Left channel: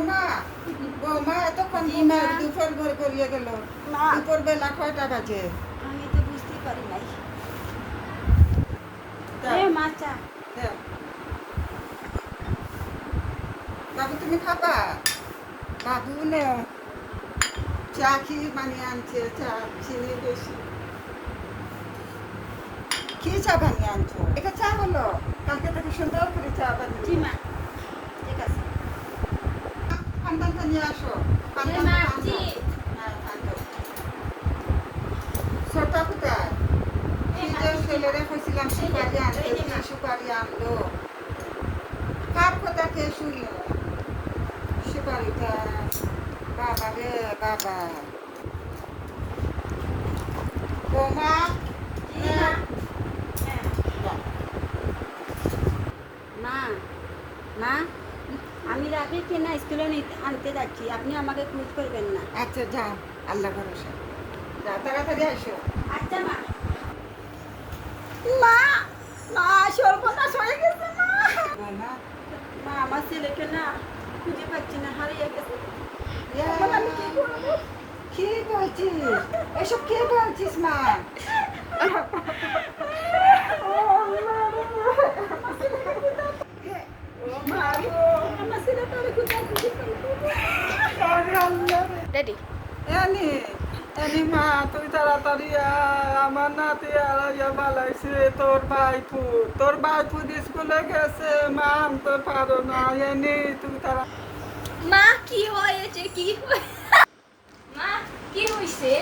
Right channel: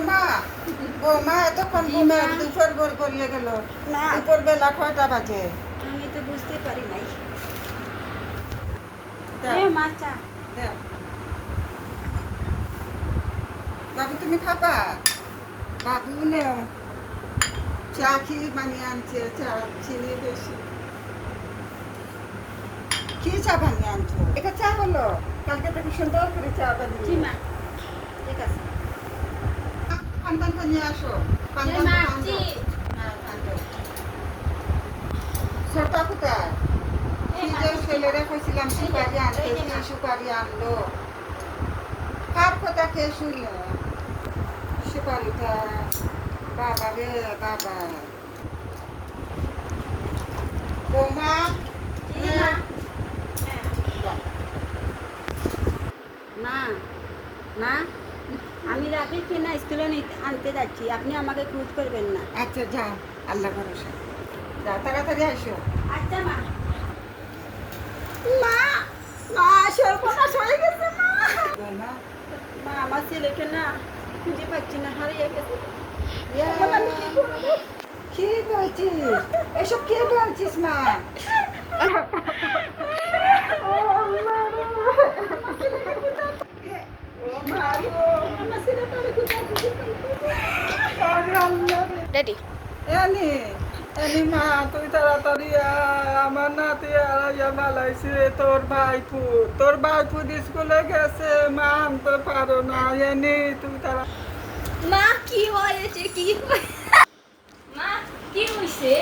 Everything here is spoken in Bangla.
বৌমা বৌমা এতক্ষণ জি, মা। দুপুর ভোর করিয়ে গেল মা। দুপুর বেলা কয়টা বাজে আমি তো বুঝতে পারি নাই। দাও, এ মা চা। দাও। বাবু তুমি খাবা বাবু নে চা কি বানিয়ে আনছে চা চিনি বেশি কি চা বানিয়ে আনছো এটা চা হলো কালকে থেকে সুন্দর করে চা জি বানিয়ে মা, ঠিক আছে। পান্তানটা নিয়ে আসো এ পান্তানটা মা, আনো। জি। হ্যাঁ আনো। ছোটা কোথায় এ কি মা, যে জি। ছেলেরা কইছিলাম সুপারি আনতে এই যে কি মা। সুপারি আনলো কার কথা খেয়ে শুনলো সুপারিটা বাবা রে বাবা বৌমা জি মা। হ্যাঁ। মা, মা, আমি রাফিকে না স্কুলে আনতে যাচ্ছি, আপনি আমাকে খোঁজ করবেন না। আচ্ছা যাও আল্লাহ ভরসা যাও তাড়াতাড়ি আসো আচ্ছা মা। মা, মা সর্বনাশ হয়ে গেছে মা। বৌমা মা, আমার ছেলেকে না খুঁজে পাচ্ছি না, হারিয়ে গেছে। ইয়ে, এখন আমি কি করবো? কি বলছিস এসব কি বলছিস মা ও আল্লাহ রে। ও মা গো। আমার ছেলেটা আমি কোথায় খুঁজে পাইবো? রেডি। এনি এনি মা তুই তাড়াতাড়ি আয় আমার নাতি মালাইছে তোর ভাইপু স্কুলে গেছে মা আনতে পারো না এনি তুই তারা মা কি হয়েছে, কি মা কি হয়েছে?